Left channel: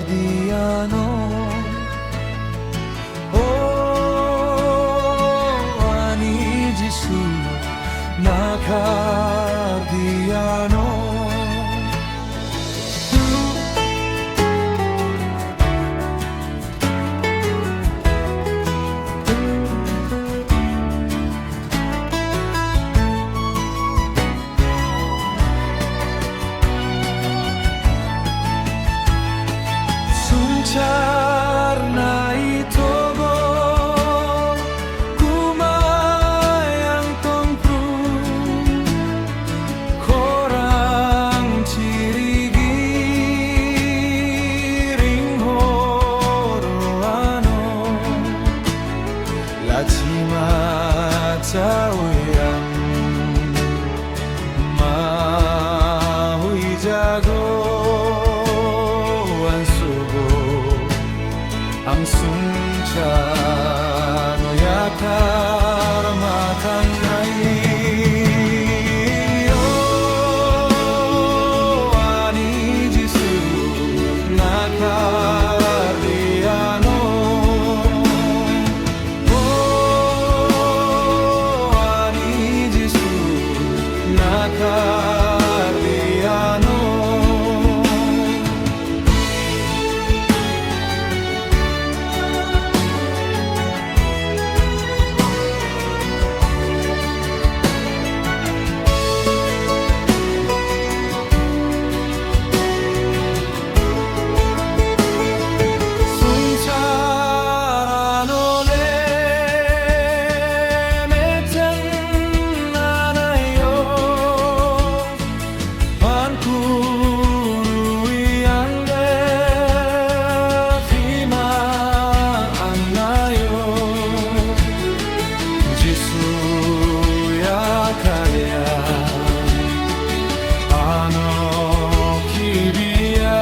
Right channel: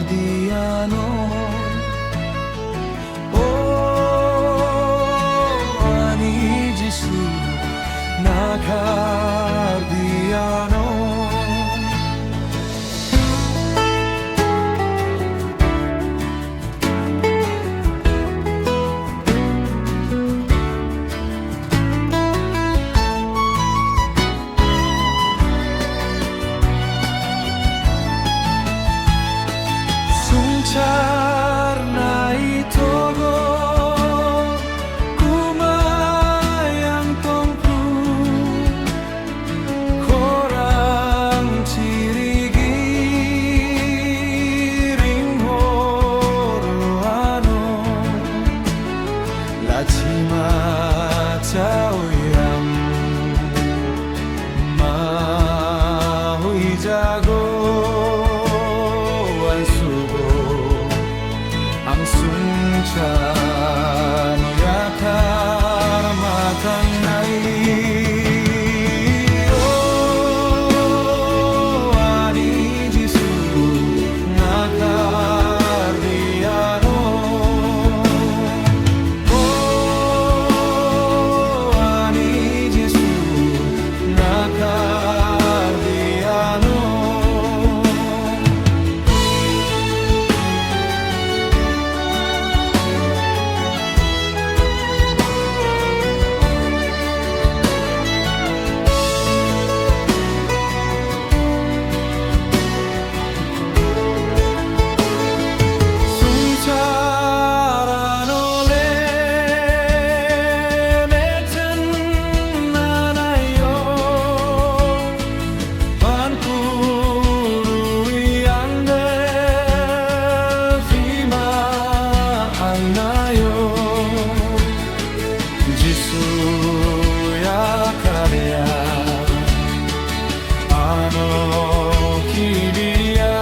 nakardiano. Oh, ani Jesu nakardiano. Sungcar itogo kumayang tongpru korang cirigi ring horoano lachima cawyang mahui jago sugo ang sungcha no yakar matang nai. Oh, ani Jesu nakardiano. Oh, ani Jesu nakardiano. Jesu ya karya ano kibia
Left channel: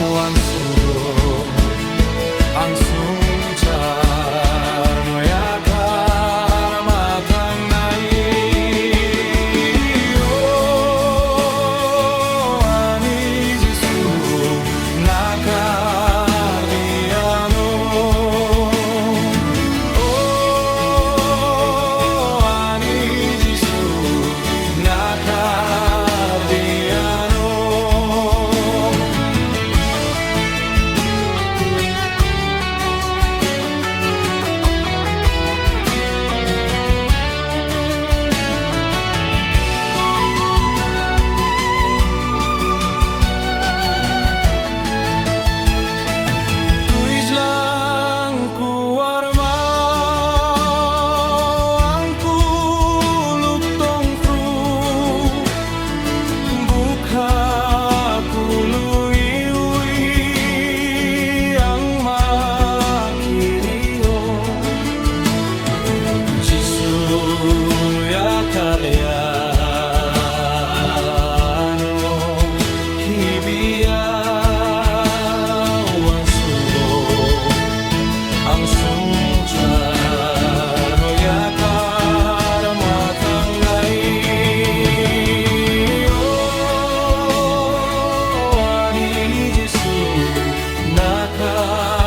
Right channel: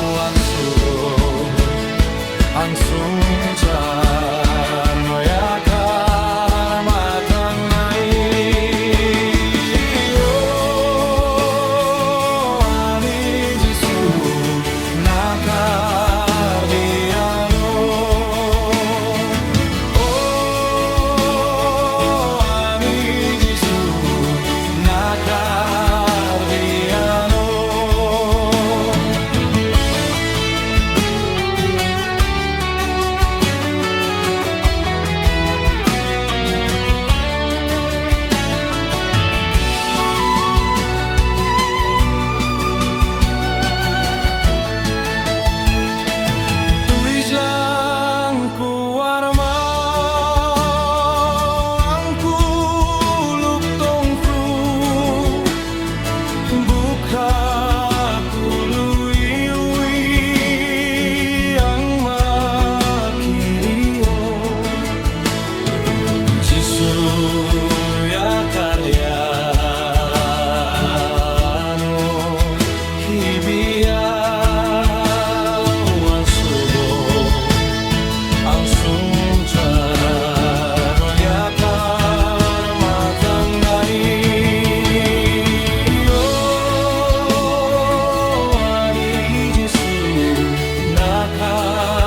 wan sugo ang sungcar no yakar matang nai. Oh, ani Jesu nakardiano. Nakardiano. Tulis lang ku arma kakului ang makirio. Jesu ya karya ano hibia wan sugo ang sungcar no yakar matang nai. Jesu nakar